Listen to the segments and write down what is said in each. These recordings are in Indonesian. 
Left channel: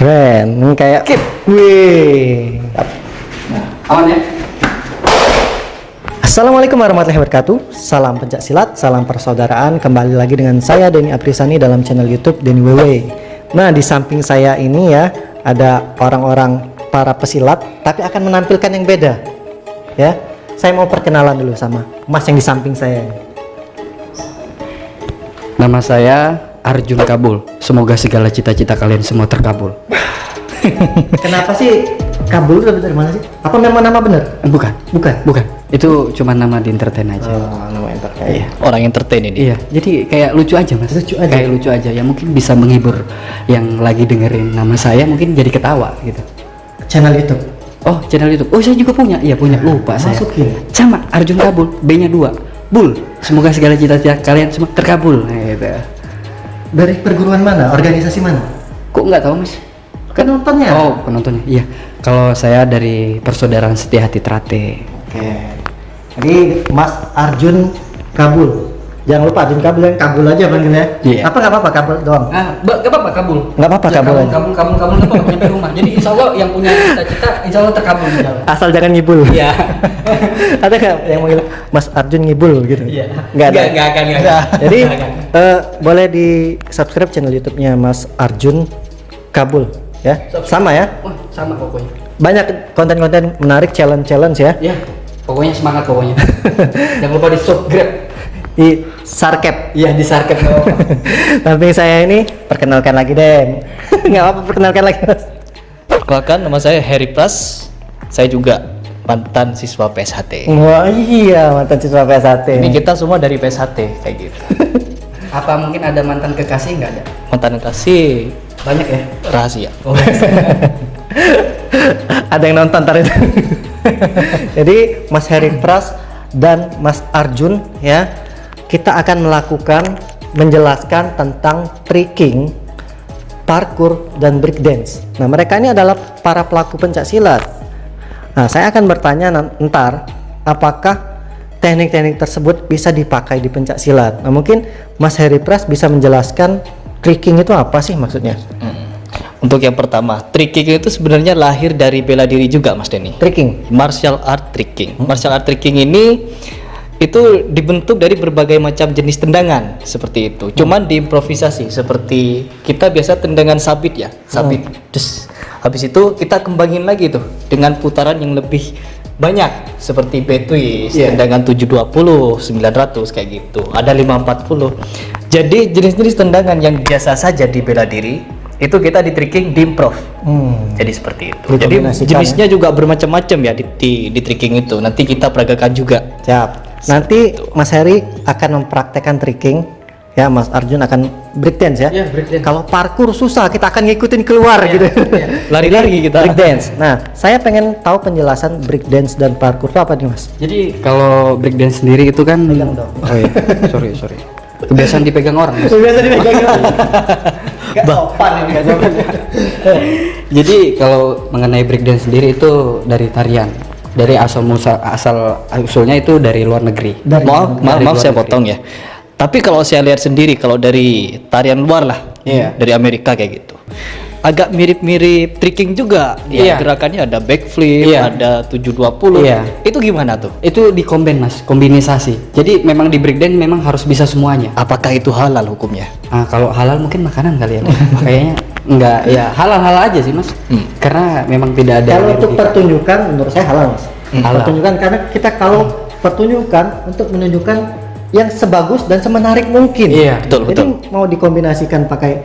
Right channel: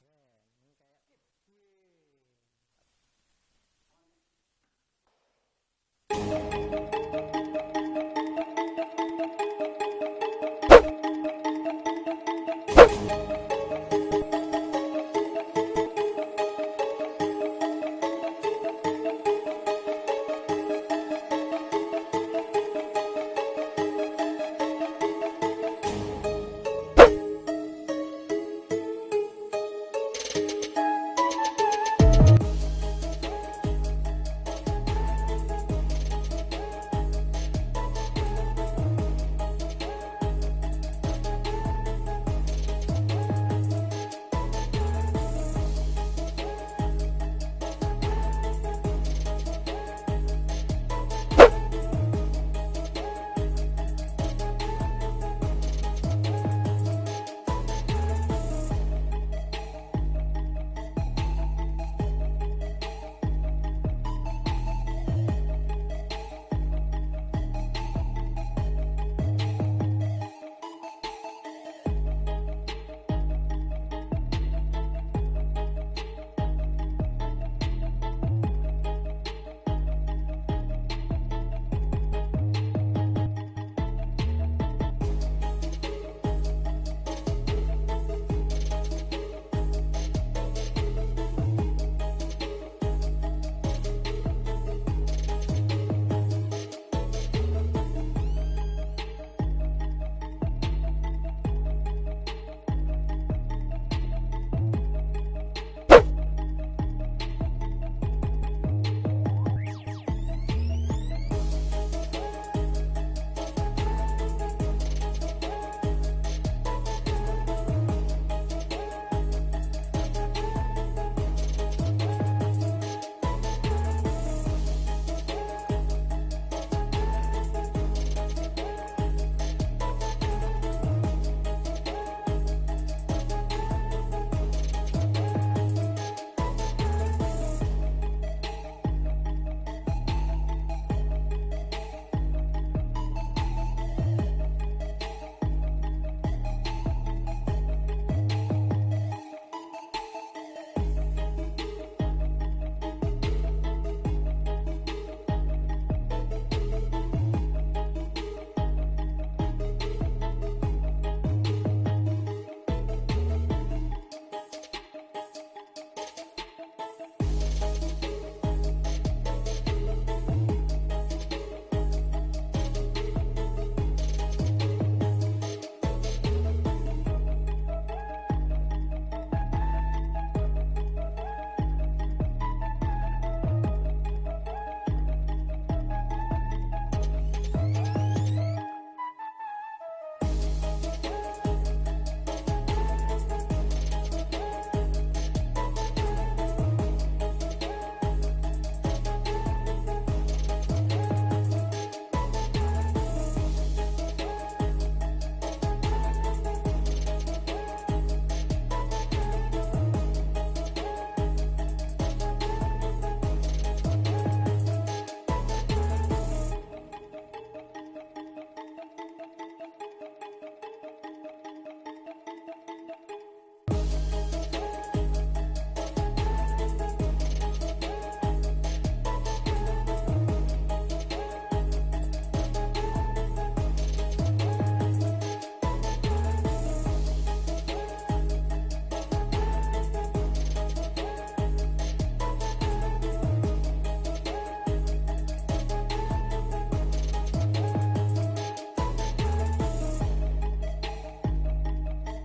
Keren, ini kayak wih. Aman ya? Assalamualaikum warahmatullahi wabarakatuh. Salam pencak silat, salam persaudaraan. Kembali lagi dengan saya Denny Aprisani dalam channel YouTube Denny WW. Nah, di samping saya ini ya ada orang-orang para pesilat, tapi akan menampilkan yang beda. Ya, saya mau perkenalan dulu sama Mas yang di samping saya. Nama saya Arjun Kabul. Semoga segala cita-cita kalian semua terkabul. Kenapa sih Kabul dari mana sih? Apa memang nama benar? Bukan. Bukan. Itu cuma nama di entertain aja. Nama entertain. Iya. Orang entertain ini. Iya. Jadi kayak lucu aja mas. Lucu aja. Kayak lucu aja. Ya mungkin bisa menghibur yang lagi dengerin nama saya, mungkin jadi ketawa gitu. Channel YouTube. Oh, channel YouTube. Oh, saya juga punya. Iya punya. Lupa saya. Masukin. Sama Arjun Kabul. B-nya 2. Bul. Semoga segala cita-cita kalian semua terkabul. Nah, gitu. Dari perguruan mana? Organisasi mana? Kok nggak tahu mas? Penontonnya. Oh, penontonnya. Iya. Kalau saya dari Persaudaraan Setia Hati Trate. Oke. Jadi Mas Arjun Kabul. Jangan lupa Arjun Kabul, yang Kabul aja panggilnya. Iya. Apa nggak apa-apa Kabul doang? Gak apa-apa kabul. Nggak apa-apa, Ya, kabul aja. kabul nggak apa-apa nyampe rumah. Jadi insya Allah yang punya cita-cita insya Allah terkabul. Asal jangan ngibul. Iya. Ada nggak yang manggil Mas Arjun ngibul gitu? Iya. Nggak ada. Nggak akan. Jadi Nggak akan. boleh di subscribe channel YouTube-nya Mas Arjun Kabul ya. Sama ya. Wah, sama pokoknya. Banyak konten-konten menarik, challenge ya. Ya, pokoknya semangat pokoknya. Jangan lupa di subscribe. Di Sarkep. Iya, di subscribe. Tapi saya ini perkenalkan lagi deh. Nggak apa perkenalkan lagi Mas. Perkenalkan, nama saya Harry Pras. Saya juga mantan siswa PSHT. Wah iya, mantan siswa PSHT. Ini kita semua dari PSHT kayak gitu. Apa mungkin ada mantan kekasih nggak ada? Mantan kasih Banyak ya. rahasia. Oh. Ada yang nonton ntar itu. Jadi Mas Harry Pras dan Mas Arjun ya, kita akan melakukan menjelaskan tentang tricking, parkour dan breakdance. Nah, mereka ini adalah para pelaku pencak silat. Nah, saya akan bertanya ntar apakah teknik-teknik tersebut bisa dipakai di pencak silat. Nah, mungkin Mas Harry Pras bisa menjelaskan tricking itu apa sih maksudnya? Untuk yang pertama, tricking itu sebenarnya lahir dari bela diri juga, Mas Denny. Tricking. Martial art tricking. Martial art tricking ini itu dibentuk dari berbagai macam jenis tendangan seperti itu. Cuman diimprovisasi seperti kita biasa tendangan sabit ya, sabit. Terus habis itu kita kembangin lagi tuh dengan putaran yang lebih banyak seperti B-twist, tendangan 720, 900 kayak gitu. Ada 540. Jadi jenis-jenis tendangan yang biasa saja di bela diri itu kita di tricking di improv. Jadi seperti itu. Jadi Dikombinasikan, jenisnya juga bermacam-macam ya di tricking itu. Nanti kita peragakan juga. Siap. Nanti Mas Heri akan mempraktekkan tricking, ya Mas Arjun akan breakdance ya. Iya, breakdance. Kalau parkour susah, kita akan ngikutin keluar gitu. Lari-lari kita. Breakdance. Nah, saya pengen tahu penjelasan breakdance dan parkour itu apa nih Mas? Jadi kalau breakdance sendiri itu kan Pegang dong. Oh iya, sorry. Kebiasaan dipegang orang. Mas. Biasa dipegang. Gak sopan ini, gak sopan. Jadi kalau mengenai breakdance sendiri itu dari tarian. Dari asal usulnya itu dari luar negeri. Maaf Dari luar saya negeri. potong ya. Tapi kalau saya lihat sendiri, kalau dari tarian luar lah, Iya. dari Amerika kayak gitu, agak mirip-mirip tricking juga. Ya, Iya. gerakannya ada backflip, Iya. ada 720. Iya. Itu gimana tuh? Itu dikombin mas, kombinisasi. Jadi memang di breakdance memang harus bisa semuanya. Apakah itu halal hukumnya? Nah, kalau halal mungkin makanan kali ya. Kayaknya enggak, ya halal-halal aja sih mas. Karena memang tidak ada. Kalau yang untuk di- pertunjukan menurut saya halal Mas. Halal. Pertunjukan karena kita kalau pertunjukan untuk menunjukkan yang sebagus dan semenarik mungkin. Iya, betul, Jadi mau dikombinasikan pakai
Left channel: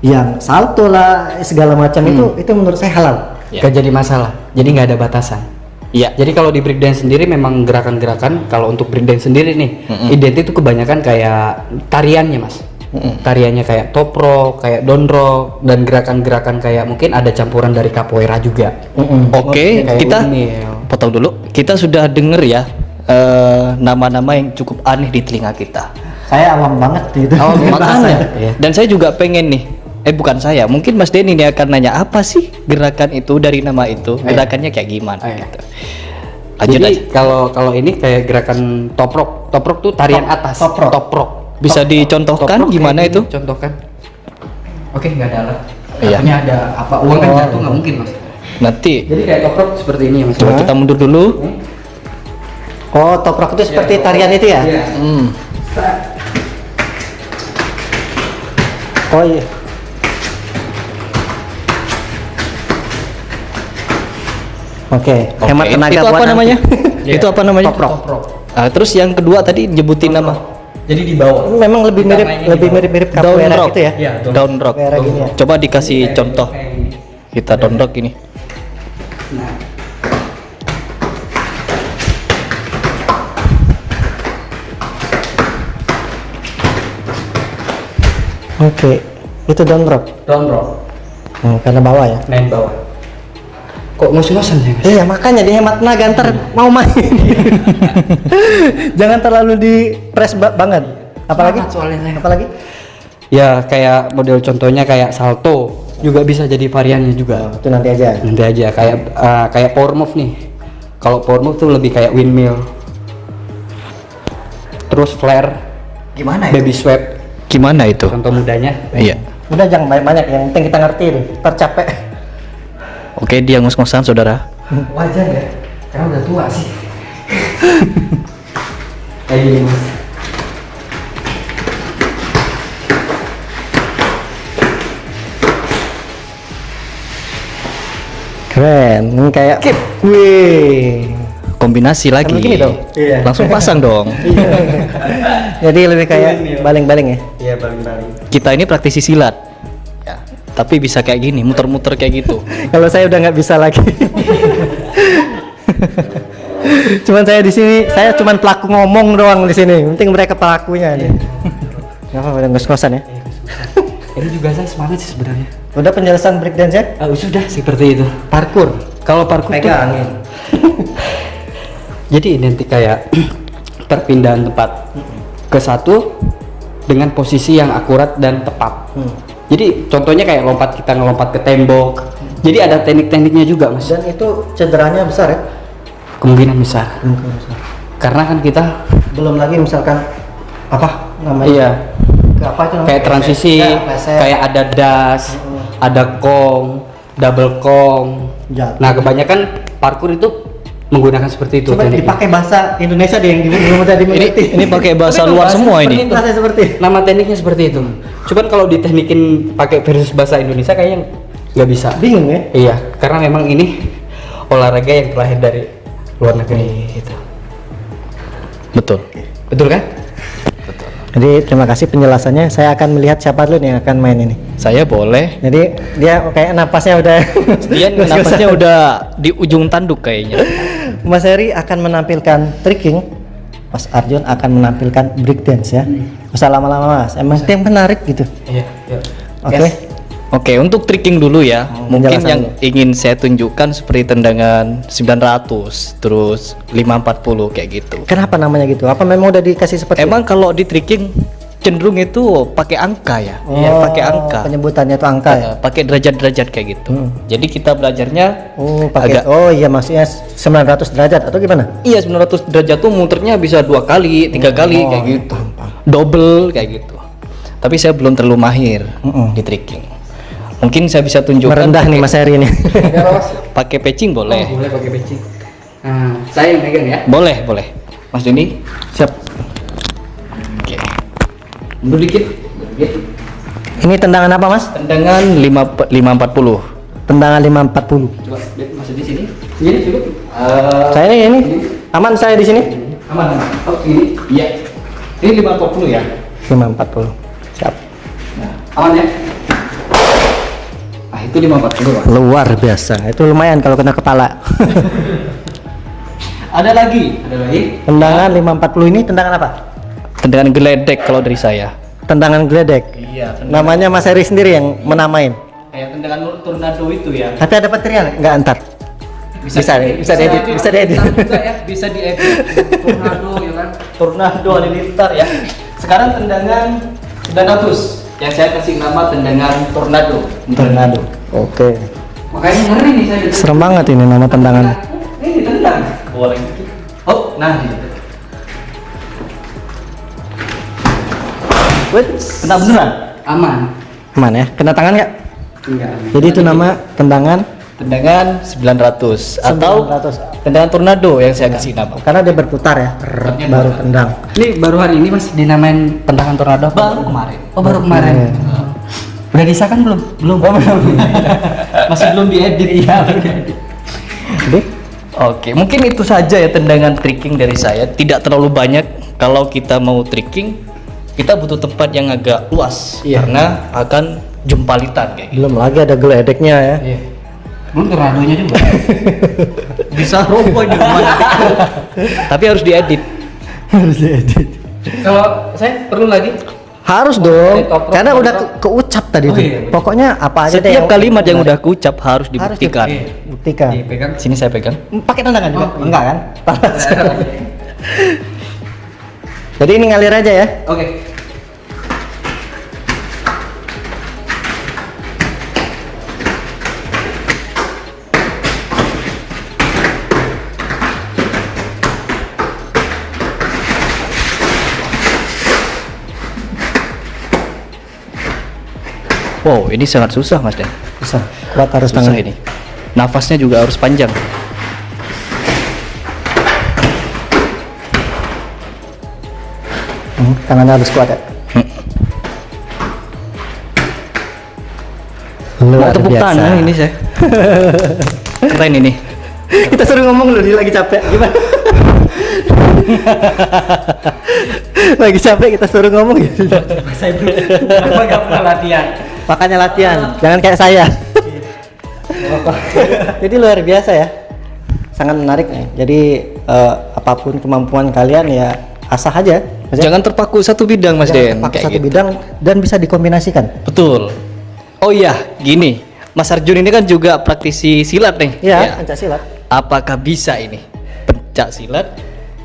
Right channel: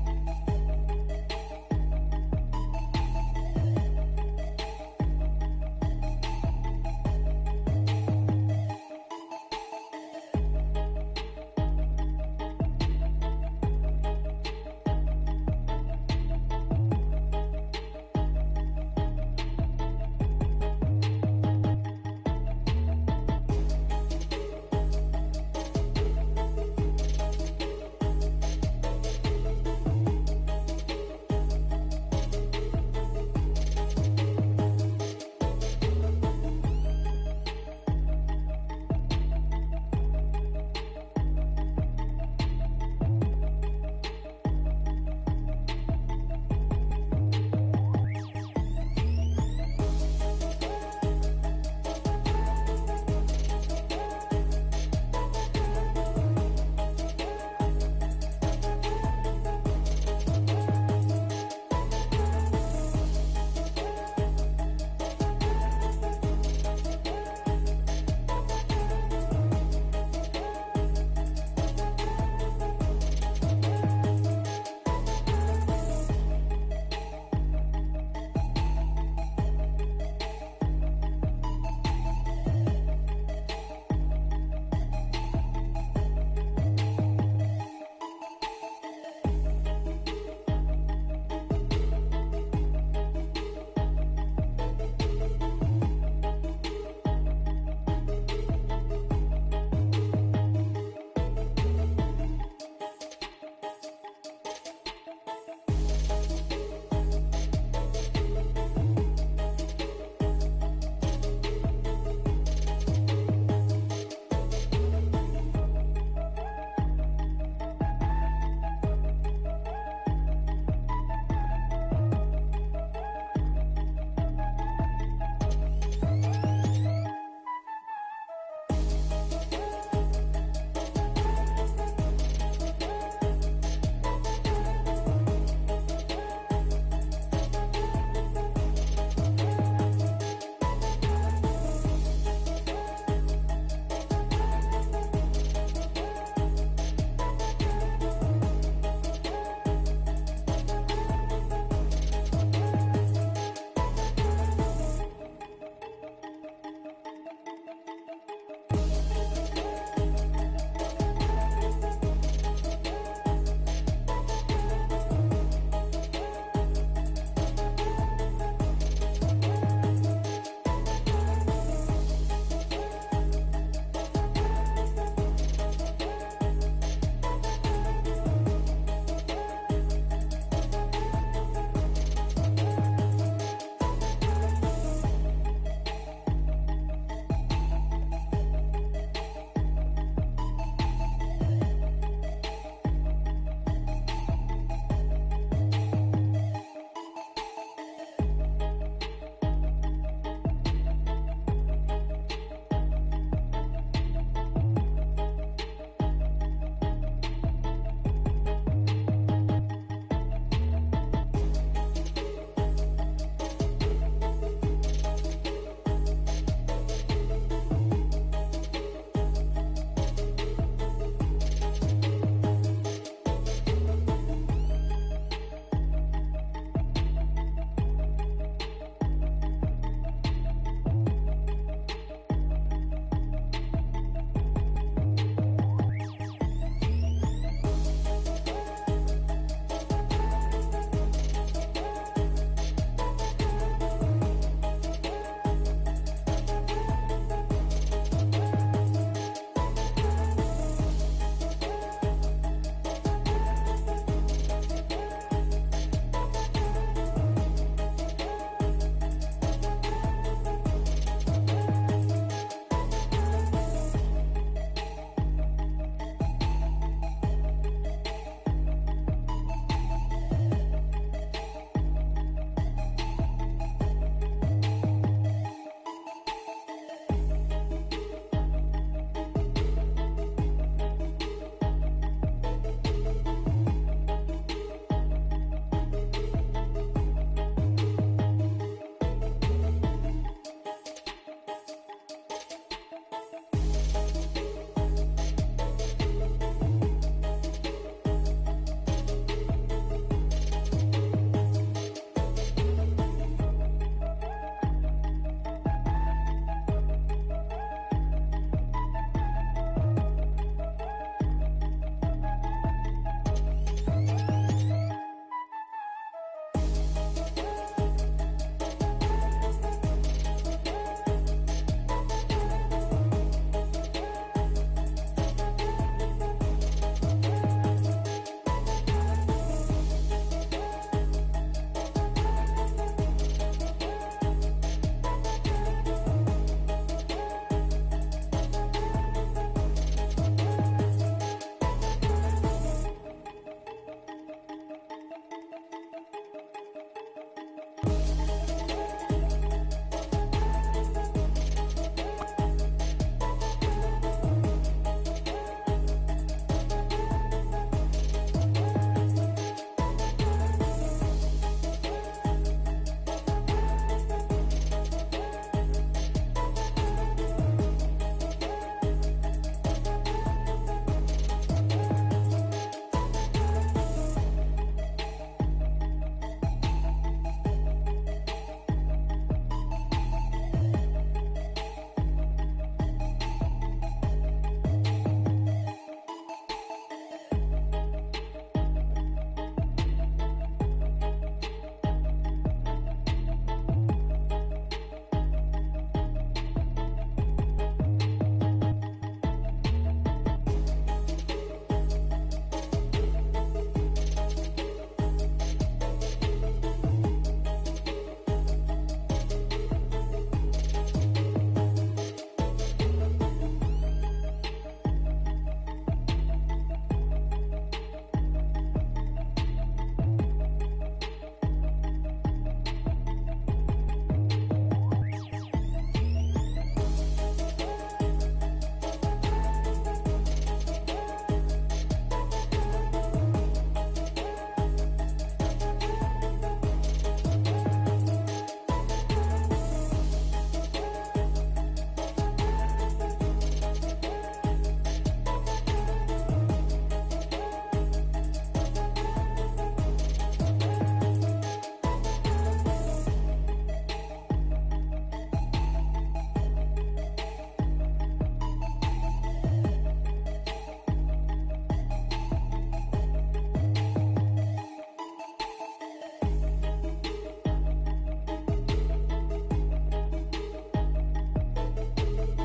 yang salto lah segala macam itu menurut saya halal. Gak jadi masalah. Jadi nggak ada batasan. Iya. Jadi kalau di breakdance sendiri memang gerakan-gerakan, kalau untuk breakdance sendiri nih, identik itu kebanyakan kayak tariannya mas. Tariannya kayak top rock, kayak down rock, dan gerakan-gerakan kayak mungkin ada campuran dari capoeira juga. Oke, Kayak kita windmill. potong dulu. Kita sudah denger ya nama-nama yang cukup aneh di telinga kita. Saya awam banget gitu. Makanya. Iya. Dan saya juga pengen nih. Bukan saya, mungkin Mas Denny nih akan nanya apa sih gerakan itu dari nama itu, gerakannya kayak gimana Iya. gitu. Lanjut Jadi aja. kalau ini kayak gerakan top rock. Top rock tuh tarian atas. top rock. Top rock. Bisa dicontohkan Top rock gimana kayak itu? gini, contohkan. Oke, nggak ada alat. Iya. Takutnya ada apa uang kan jatuh nggak mungkin mas. Nanti Jadi kayak toprok seperti ini ya mas. coba kita mundur dulu. Oh, toprok itu seperti tarian itu ya? Iya. Oh iya. Oke, hemat Oke, tenaga itu buat apa nanti. namanya? Itu apa namanya? Toprok. Terus yang kedua tadi nyebutin nama Jadi di bawah. Memang lebih mirip mirip down capoeira rock. gitu ya. Iya, Down rock. Capoeira gini ya. Coba dikasih contoh. Kita down rock ini. Nah, Oke, itu down rock. down rock. Karena bawah ya. Main bawah. Kok ngos-ngosan ya mas? Iya, makanya dihemat tenaga ntar mau main. Jangan terlalu di press banget. Apalagi? Semangat soalnya saya. Apalagi? Ya kayak model contohnya kayak salto juga bisa jadi variannya juga. Itu nanti aja. Nanti aja kayak power move nih. Kalau power move tuh lebih kayak windmill. Terus flare, Gimana baby swap, Gimana itu? contoh mudanya. Iya. Udah jangan banyak-banyak, yang penting kita ngerti nih. Ntar capek. Oke, dia ngos-ngosan saudara. Wajar ya, karena udah tua sih. Kayak gini mas. Keren. Ini kayak wih. Kombinasi lagi. Sambil gini dong. Iya. Langsung pasang dong. Jadi lebih kayak baling-baling ya. Iya balik-balik. Kita ini praktisi silat. Ya, tapi bisa kayak gini, muter-muter kayak gitu. Kalau saya udah nggak bisa lagi. Cuman saya di sini, saya cuman pelaku ngomong doang di sini. Penting mereka pelakunya nih. Nggak apa-apa, udah ngos-ngosan ya. Ini juga saya semangat sih sebenarnya. Udah penjelasan breakdance ya? Sudah seperti itu. Parkour. Kalau parkour tuh Pegangin. jadi identik kayak perpindahan tempat ke satu dengan posisi yang akurat dan tepat. Jadi contohnya kayak kita ngelompat ke tembok. Jadi ada teknik-tekniknya juga mas. Dan itu cederanya besar ya? Kemungkinan besar. Karena kan kita Belum lagi misalkan apa namanya? iya Ke apa itu namanya? kayak transisi, Ya, pleset. kayak ada dash, ada kong, double kong. Jatuh. Nah kebanyakan parkour itu menggunakan seperti itu. Coba tekniknya. dipakai bahasa Indonesia deh yang belum ada dimengerti. Ini pakai bahasa luar semua ini. Bahasa seperti Nama tekniknya seperti itu. Cuman kalau diteknikin pakai versus bahasa Indonesia kayaknya nggak bisa. bingung ya. Iya, karena memang ini olahraga yang terlahir dari luar negeri. Gitu. Betul. Betul kan? Jadi terima kasih penjelasannya. Saya akan melihat siapa dulu nih yang akan main ini. Saya boleh. Jadi dia kayak napasnya udah Dia napasnya udah di ujung tanduk kayaknya. Mas Heri akan menampilkan tricking, Mas Arjun akan menampilkan breakdance ya. Usah lama-lama Mas, emang yang menarik gitu. Iya. Oke. Oke, untuk tricking dulu ya. Mungkin penjelasan yang dulu. ingin saya tunjukkan seperti tendangan 900, terus 540 kayak gitu. Kenapa namanya gitu? Apa memang udah dikasih seperti Emang kalau di tricking cenderung itu pakai angka ya. Iya, pakai angka. Penyebutannya itu angka ya. Pakai derajat-derajat kayak gitu. Jadi kita belajarnya Oh, pakai agak oh iya maksudnya 900 derajat atau gimana? iya 900 derajat tuh muternya bisa 2 kali, 3 kali kayak gitu. Double kayak gitu. Tapi saya belum terlalu mahir di tricking. Mungkin saya bisa tunjukkan Merendah nih Mas Heri ini. pakai patching boleh. Boleh pakai peci. Nah, saya yang pegang ya. Boleh, boleh. Mas Juni, Siap. oke. Mundur dikit. Ini tendangan apa Mas? Tendangan 540. Tendangan 540. Coba masuk di sini. Ini cukup. Saya ini aman saya di sini. Aman. Oh, ini. Iya. Ini 540 ya. 540. Siap. Nah, aman ya. Nah, itu 540 Pak. Luar biasa. Itu lumayan kalau kena kepala. Ada lagi. Ada lagi. Tendangan 540 ini tendangan apa? Tendangan geledek kalau dari saya. Tendangan geledek. Iya, Namanya Mas Heri sendiri yang menamain. kayak tendangan tornado itu ya. Tapi ada petirnya nggak antar? Bisa diedit, bisa diedit. Ya, bisa diedit. Tornado ya kan. Tornado halilintar ya. Sekarang tendangan 900 yang saya kasih nama tendangan tornado. Tornado. Oke. Makanya ngeri nih saya. Serem banget ini nama tendangan. Ini tendang. Boleh. Oh, nah gitu. Wait, Kena beneran? Aman. aman ya? Kena tangan nggak? Enggak. Jadi itu nama tendangan Tendangan 900 atau 900. tendangan tornado yang saya kasih nama. Karena dia berputar ya, baru tendang. Ini baru hari ini Mas dinamain tendangan tornado apa? Baru kemarin. Oh, baru kemarin. Udah disahkan belum? Belum. Oh, belum. Masih belum diedit. Iya, Jadi Oke, mungkin itu saja ya tendangan tricking dari saya. Tidak terlalu banyak. Kalau kita mau tricking, kita butuh tempat yang agak luas karena akan jumpalitan kayak gitu. belum lagi ada geledeknya ya. Iya. Belum tornadonya juga. Bisa roboh di rumah. Tapi harus diedit. Harus diedit. Kalau saya perlu lagi Harus dong, toprok, karena toprok. udah keucap tadi Oh, tuh. iya. Pokoknya apa aja deh Setiap yang kalimat yang benar. udah kuucap harus dibuktikan. Buktikan. dipegang. Sini saya pegang. Pakai tendangan juga? Oh, iya. Enggak kan? Jadi ini ngalir aja ya. Oke. Wow, ini sangat susah Mas Den. Bisa. Kuat harus Susah tangan ini. Nafasnya juga harus panjang. Tangannya harus kuat ya. Mau tepuk tangan ini saya. Keren ini. Kita suruh ngomong loh, dia lagi capek. Gimana? Lagi capek kita suruh ngomong gitu. Saya belum nggak pernah latihan. Makanya latihan, jangan kayak saya. Jadi luar biasa ya. Sangat menarik nih. Jadi apapun kemampuan kalian ya asah aja. Maksudnya, Jangan terpaku satu bidang Mas Den. pakai Kayak satu gitu. bidang dan bisa dikombinasikan. Betul. Oh iya, gini. Mas Arjun ini kan juga praktisi silat nih. Iya, pencak silat. Apakah bisa ini pencak silat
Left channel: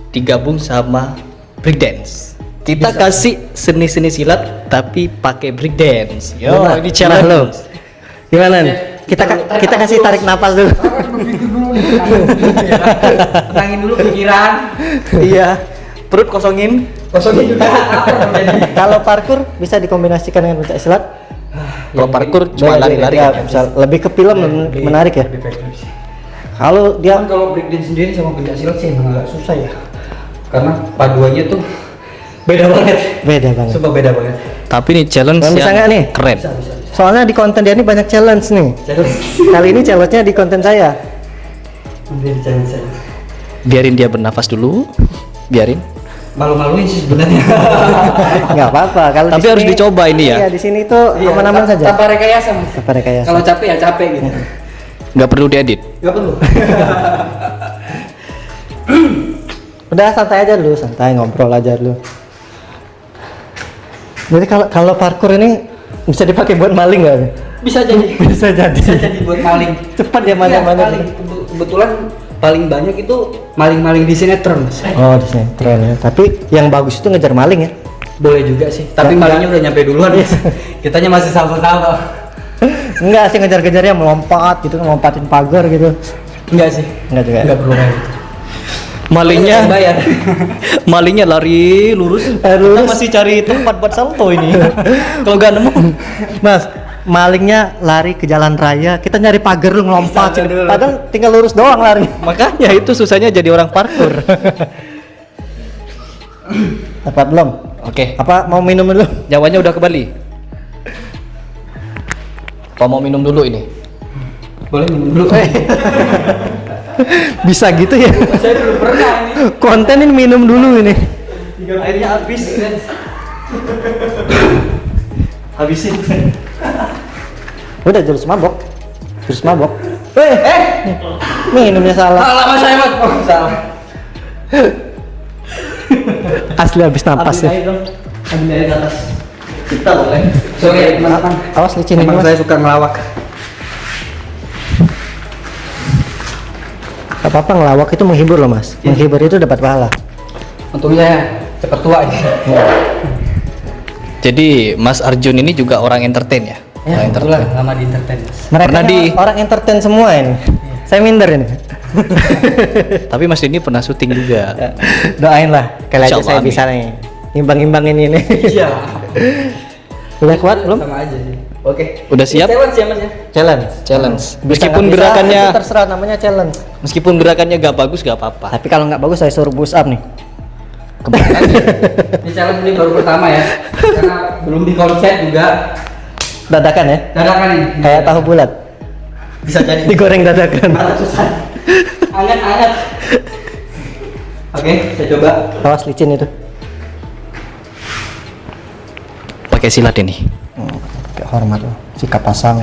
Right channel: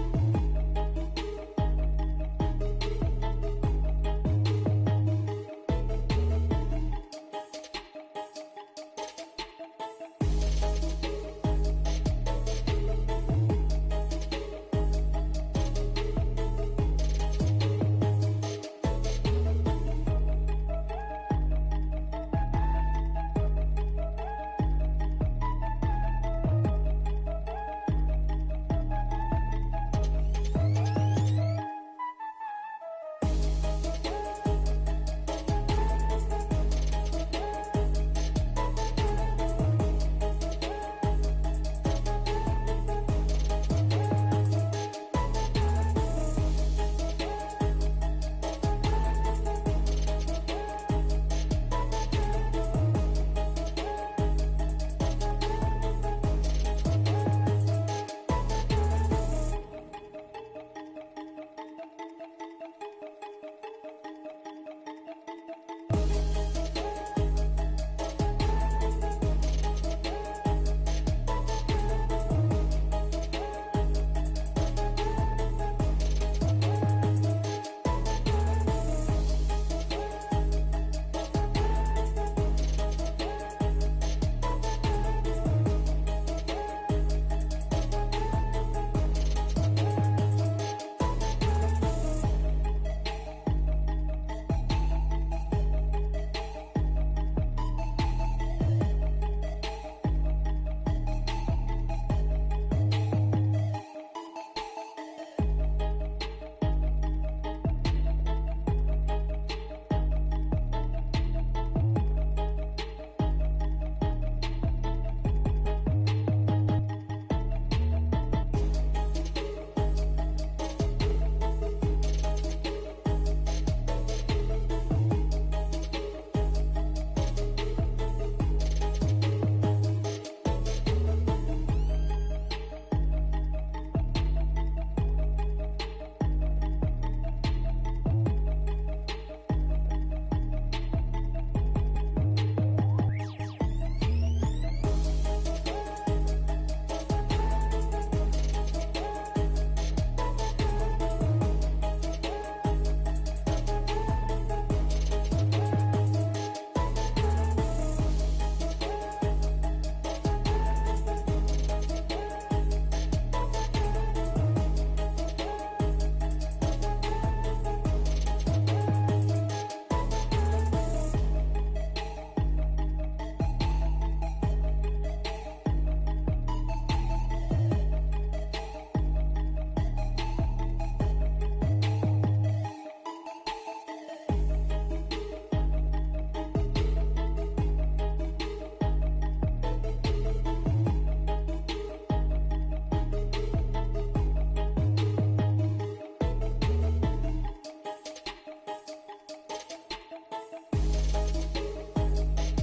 digabung sama breakdance? Kita kasih seni-seni silat tapi pakai breakdance. Yo, Gimana? ini challenge Nah, lo. Gimana nih? Kita kasih tarik napas dulu. Tenangin dulu pikiran. Iya. Perut kosongin. Kosongin juga. Kalau parkour bisa dikombinasikan dengan pencak silat. Kalau parkour cuma lari-lari Ya, kan. bisa lebih ke film menarik ya. Kalau dia Cuman kalau breakdance sendiri sama pencak silat sih emang agak susah ya. Karena paduannya tuh beda banget. beda banget. Sumpah beda banget. Tapi ini challenge Bisa yang nggak nih? keren. Soalnya di konten dia ini banyak challenge nih. Kali ini challenge-nya di konten saya. Biarin dia bernafas dulu. Biarin. Malu-maluin sih sebenarnya. Nggak apa-apa. Kalau Tapi harus dicoba ini ya. Iya, di sini tuh aman-aman saja. Tanpa rekayasa Mas. Tanpa rekayasa. Kalau capek ya capek gitu. Nggak perlu diedit. Gak perlu. Udah santai aja dulu, santai ngobrol aja dulu. Jadi kalau parkour ini bisa dipakai buat maling nggak? Bisa jadi. Bisa jadi. Bisa jadi buat maling. Cepat ya Iya, mana-mana. paling. Kebetulan paling banyak itu maling-maling di sinetron Mas. Oh, di sini keren ya. Tapi yang bagus itu ngejar maling ya. Boleh juga sih. Tapi malingnya udah nyampe duluan Mas. Kitanya masih salto-salto. Enggak sih ngejar-ngejarnya melompat gitu, melompatin pagar gitu. Enggak sih. Enggak juga. Enggak perlu kayak gitu. Malingnya Bayar. malingnya lari lurus. Lurus. Kita masih cari tempat buat salto ini. Kalau nggak nemu, Mas, malingnya lari ke jalan raya, kita nyari pagar lu ngelompat. Bisa dulu. Padahal tinggal lurus doang lari. makanya itu susahnya jadi orang parkour. Dapat belum? Oke, Apa mau minum dulu? nyawanya udah kembali. Apa mau minum dulu ini? Boleh minum dulu. Bisa gitu ya? Saya belum pernah ini. Konten ini minum dulu ini. Airnya habis. Habisin. Udah jurus mabok. Jurus mabok. Minumnya salah. Salah Mas saya Mas. Oh, salah. Asli habis napas ya. Ambil air di atas. Kita boleh. Sorry teman-teman. Awas licin ini Emang Mas. saya suka ngelawak. Gak apa-apa ngelawak itu menghibur loh Mas. Menghibur itu dapat pahala. Untung saya cepat tua ini. Jadi Mas Arjun ini juga orang entertain ya? Ya, Orang Kebetulan lama di entertain. Mereka Pernah ini di- orang entertain semua ini. Saya minder ini. Tapi Mas ini pernah syuting juga. Doain lah, kali aja Insyaallah, saya amin. bisa nih. Imbang-imbangin ini. Iya. Udah kuat belum? Sama aja sih. Oke. Udah siap? Challenge ya Mas ya. Challenge. Challenge. Bisa Meskipun nggak bisa, gerakannya itu terserah, namanya challenge. meskipun gerakannya gak bagus gak apa-apa. Tapi kalau nggak bagus saya suruh push up nih. Ini challenge ini baru pertama ya. Karena belum dikonsep juga. Dadakan ya. Dadakan ini. Kayak tahu bulat. Bisa jadi. Digoreng dadakan. Anget-anget. Oke, saya coba. Awas licin itu. Pakai silat ini. Kayak hormat loh. Sikap pasang.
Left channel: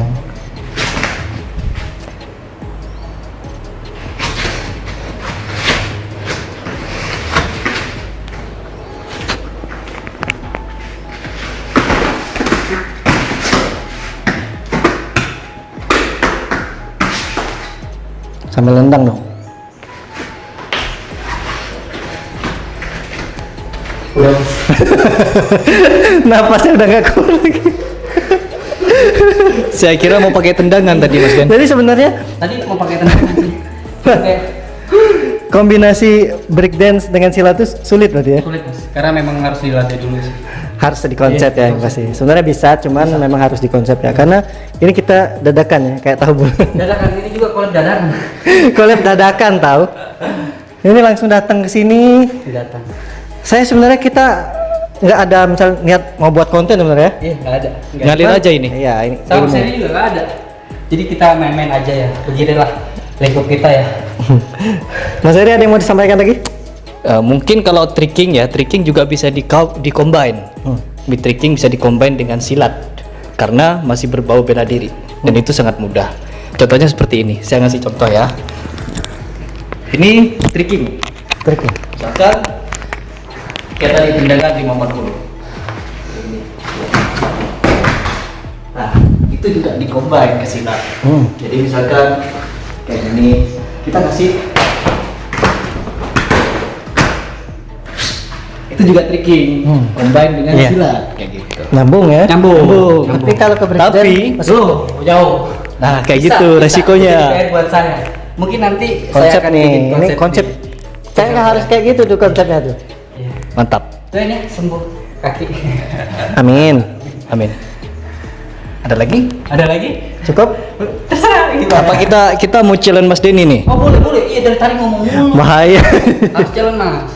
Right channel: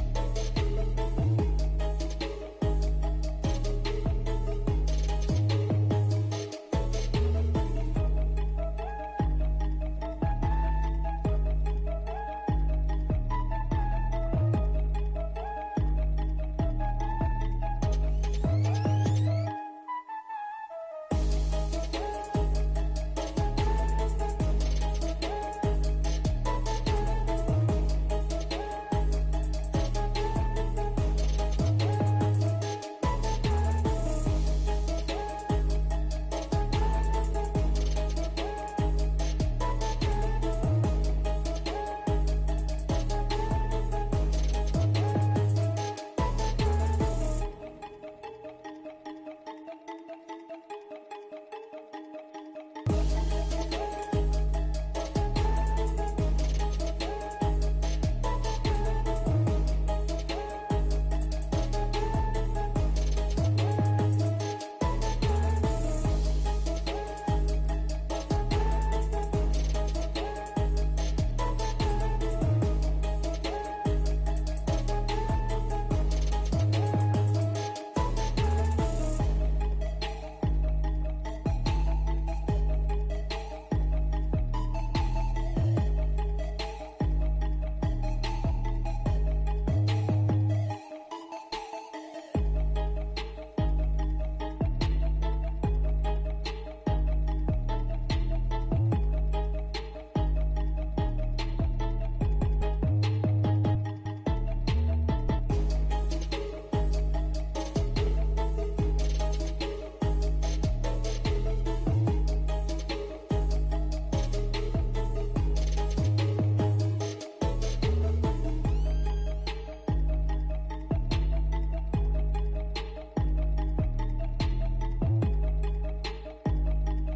Sambil nendang dong. Udah. Napasnya udah nggak kuat lagi. Saya kira mau pakai tendangan tadi Mas Den. Jadi sebenarnya Tadi mau pakai tendangan. Oke. kombinasi breakdance dengan silat itu sulit berarti ya. Sulit Mas. Karena memang harus dilatih dulu sih. Harus dikonsep ya yang pasti. Sebenarnya bisa, cuman memang harus dikonsep ya. Karena ini kita dadakan ya, kayak tahu bulat. Dadakan ini juga collab dadakan. Collab dadakan tahu. Ini langsung datang ke sini. Datang. Saya sebenarnya kita nggak ada misal niat mau buat konten sebenarnya. Iya, nggak ada. Ngalir Cuman, aja ini. Iya, ini. Sama ilmu. seri juga nggak ada. Jadi kita main-main aja ya. Beginilah lingkup kita ya. Mas Heri ada yang mau disampaikan lagi? Mungkin kalau tricking ya, tricking juga bisa di-combine. Beat tricking bisa di-combine dengan silat karena masih berbau bela diri dan itu sangat mudah. Contohnya seperti ini. Saya ngasih contoh ya. Ini tricking. Trik. Misalkan kita tadi tendangan di momen dulu. Nah, itu juga di-combine ke silat. Jadi misalkan kayak gini, kita kasih itu juga tricking, combine dengan Iya. silat kayak gitu. Nyambung ya? Nyambung. Tapi kalau ke breakdance Tapi- masih Jauh. Nah, kayak Bisa, gitu bisa. resikonya. Jadi PR buat saya. Mungkin nanti saya konsep akan nih. bikin Ini konsep. Saya nggak harus kayak gitu tuh konsepnya tuh. Iya. Mantap. Nah, ini sembuh kaki. Amin. Amin. Ada lagi? Ada lagi? Cukup? Terserah gitu. Apa kita mau challenge Mas Denny nih? Oh boleh boleh. Iya dari tadi ngomong mulu. Bahaya. Harus jalan Mas.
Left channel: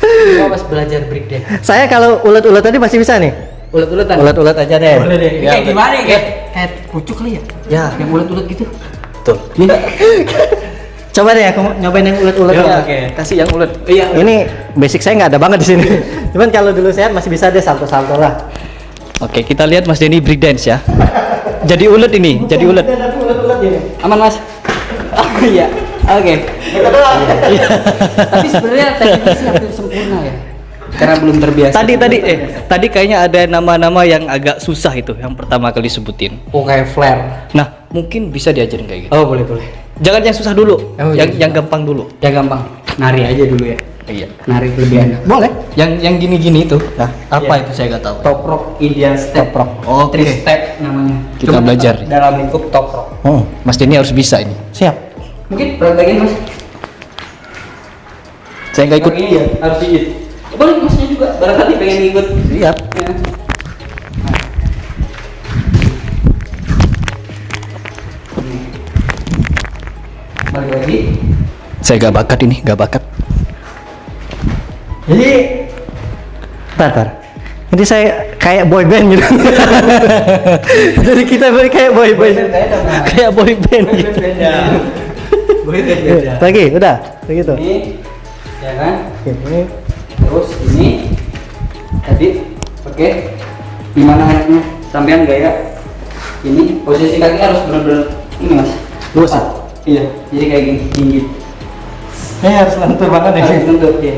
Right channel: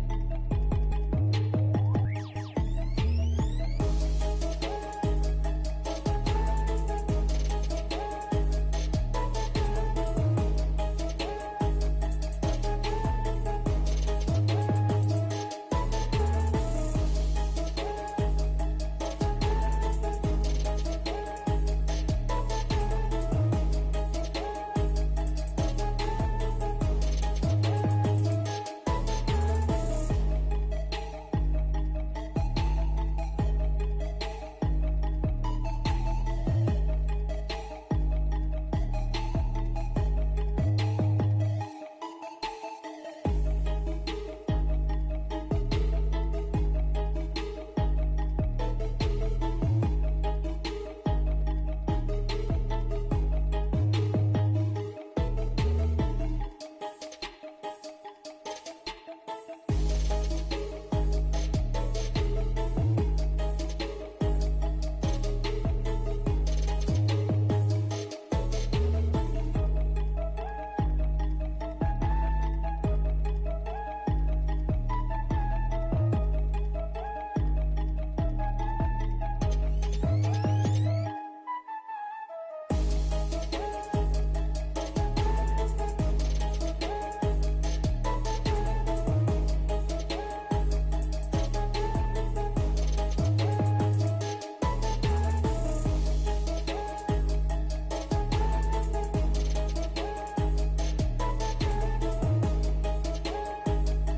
Gua pas belajar break deh. Saya kalau ulet-ulet tadi masih bisa nih. Ulet-uletan. Ulet-ulet aja deh. Boleh deh. Ya, Kayak gimana ya? Kayak pucuk kali ya? Ya. Yang ulet-ulet gitu. Tuh. Coba deh aku nyobain yang ulet-uletnya. Ya, oke. Kasih yang ulet. Iya. Ini basic saya nggak ada banget di sini. Cuman kalau dulu sehat masih bisa deh salto-salto lah. Oke, kita lihat Mas Denny breakdance ya. Jadi ulet ini, jadi ulet. Aman Mas. Oh iya. Oke. Tapi sebenarnya tekniknya sih hampir sempurna ya. Karena belum terbiasa. Tadi kayaknya ada nama-nama yang agak susah itu yang pertama kali sebutin. Oh kayak flare. Nah, mungkin bisa diajarin kayak gitu. Oh boleh boleh. Jangan yang susah dulu, Oh, yang gampang dulu. Ya gampang. Nari aja dulu ya. Iya. Nari lebih enak. Boleh. Yang gini-gini itu. Nah, Apa Iya. itu saya nggak tahu. Top rock Indian step. Top rock. Oke. Three step namanya. Kita Cuma belajar. dalam lingkup top rock. Mas Denny harus bisa ini. Siap. Mungkin praktekin Mas. Saya nggak ikut. Iya, harus ikut. Boleh Masnya juga. Barangkali pengen ikut. Siap. Ya. Balik lagi. Saya nggak bakat ini, nggak bakat. Jadi, tar. Jadi saya kayak boy band gitu. Jadi kita kayak boy band. Kayak boy band gitu. Boleh beda. Lagi, udah. Begitu. Ini, ya kan? Oke, ini Terus ini tadi, oke. Gimana enaknya? Sampean gaya. Ini posisi kaki harus benar-benar ini Mas. lurus ya? Iya. Jadi kayak gini, tinggi. Ini harus lentur banget ya. Harus tuntut ya.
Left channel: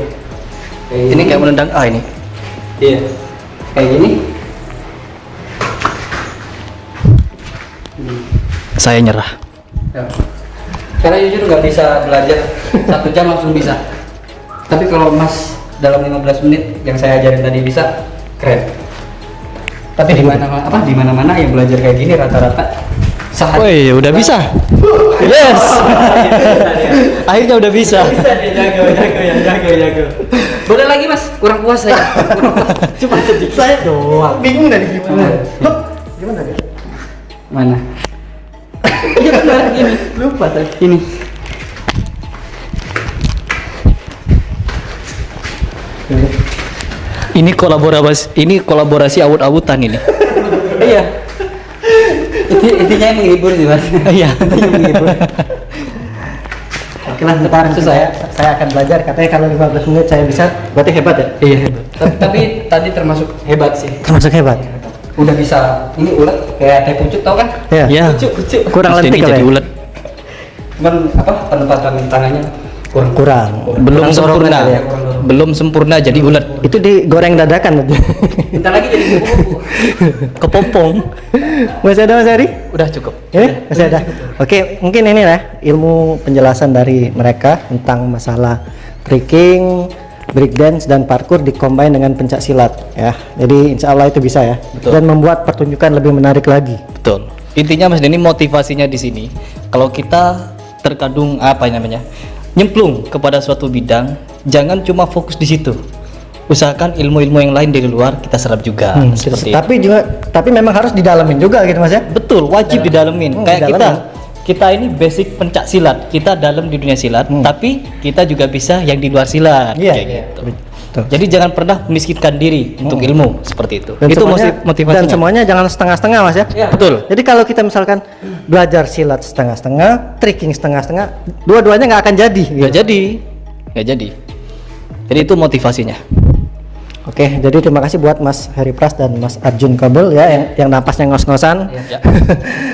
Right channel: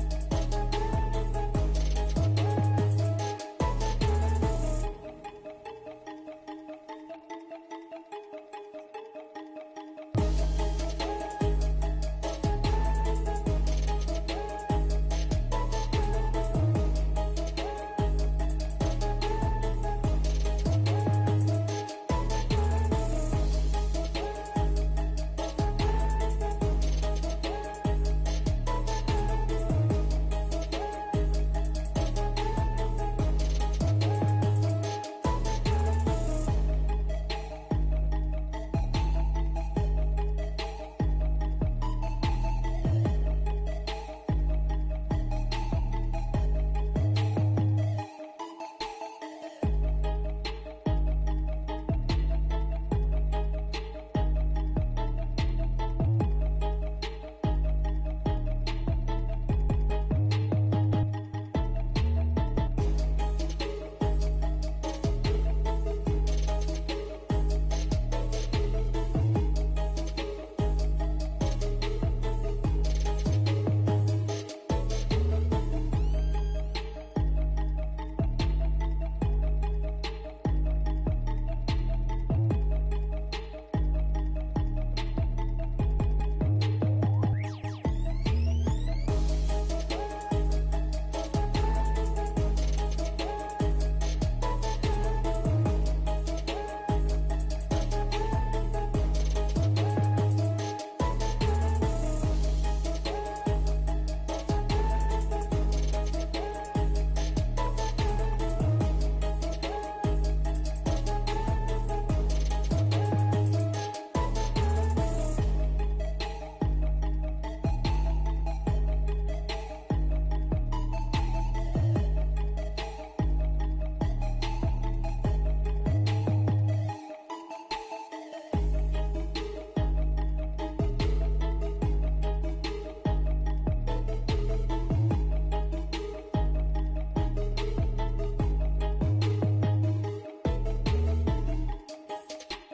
Kayak Ini kayak menendang A ini. Iya. Kayak gini. Saya nyerah. Ya. Karena jujur nggak bisa belajar 1 jam langsung bisa. Tapi kalau Mas dalam 15 menit yang saya ajarin tadi bisa, keren. Tapi di mana-mana yang belajar kayak gini rata-rata Woi, udah bisa. Yes. Akhirnya udah bisa. Boleh lagi mas, kurang puas saya. Cuma sedikit saya doang. Bingung dari gimana. Gimana ya? Mana? Iya benar ini. Lupa tadi. Ini. Ini kolaborasi awut-awutan ini. Iya. Intinya yang menghibur sih mas. Iya. Intinya menghibur. Oke lah, ntar saya akan belajar. Katanya kalau 15 menit saya bisa, berarti hebat ya? Iya hebat. Tapi tadi termasuk hebat sih. Termasuk hebat. Udah bisa ini ulet kayak teh pucuk tau kan? Ya. Ya. Pucuk. Kurang Terus lentik ini kali jadi ya? ulet. Cuman apa penempatan tangannya kurang. Kurang. Belum Kurang dorongan sempurna. kali ya? Belum sempurna jadi ulet. Itu digoreng dadakan aja. Bentar lagi jadi kupu-kupu. Kepompong. Masih ada Mas Heri? Udah cukup. Masih ada. Oke, mungkin ini lah ilmu penjelasan dari mereka tentang masalah breaking, breakdance dan parkour dikombin dengan pencak silat ya. Jadi insya Allah itu bisa ya. Betul. Dan membuat pertunjukan lebih menarik lagi. Betul. Intinya Mas Denny motivasinya di sini. Kalau kita terkadung apa namanya? Nyemplung kepada suatu bidang, jangan cuma fokus di situ. Usahakan ilmu-ilmu yang lain dari luar kita serap juga seperti itu. Tapi memang harus didalamin juga gitu Mas ya. Betul, wajib didalemin. Kayak didalemin. kita ini basic pencak silat. Kita dalam di dunia silat, tapi kita juga bisa yang di luar silat Iya, kayak iya. gitu. Betul. Jadi jangan pernah memiskinkan diri untuk ilmu seperti itu. Dan Itu semuanya- motivasinya. Dan semuanya jangan setengah-setengah Mas ya. Iya. Betul. Jadi kalau kita misalkan belajar silat setengah-setengah, tricking setengah-setengah, dua-duanya nggak akan jadi. gitu. Nggak jadi. Jadi itu motivasinya. Oke, jadi terima kasih buat Mas Heri Pras dan Mas Arjun Kabul ya yang napasnya ngos-ngosan. Ya.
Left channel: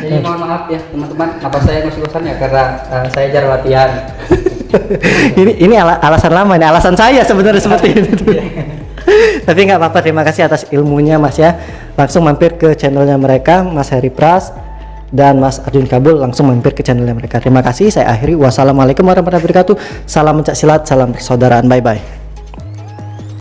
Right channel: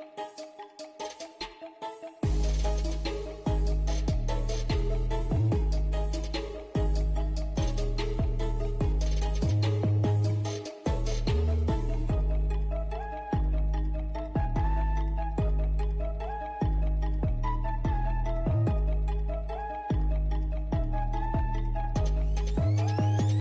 Jadi mohon maaf ya teman-teman, apa saya ngos-ngosan ya karena saya jarang latihan. ini alasan lama, ini alasan saya sebenarnya seperti itu. Tapi nggak apa-apa, terima kasih atas ilmunya Mas ya. Langsung mampir ke channelnya mereka, Mas Heri Pras dan Mas Arjun Kabul, langsung mampir ke channelnya mereka. Terima kasih, saya akhiri. Wassalamualaikum warahmatullahi wabarakatuh. Salam pencak silat, salam persaudaraan, bye bye.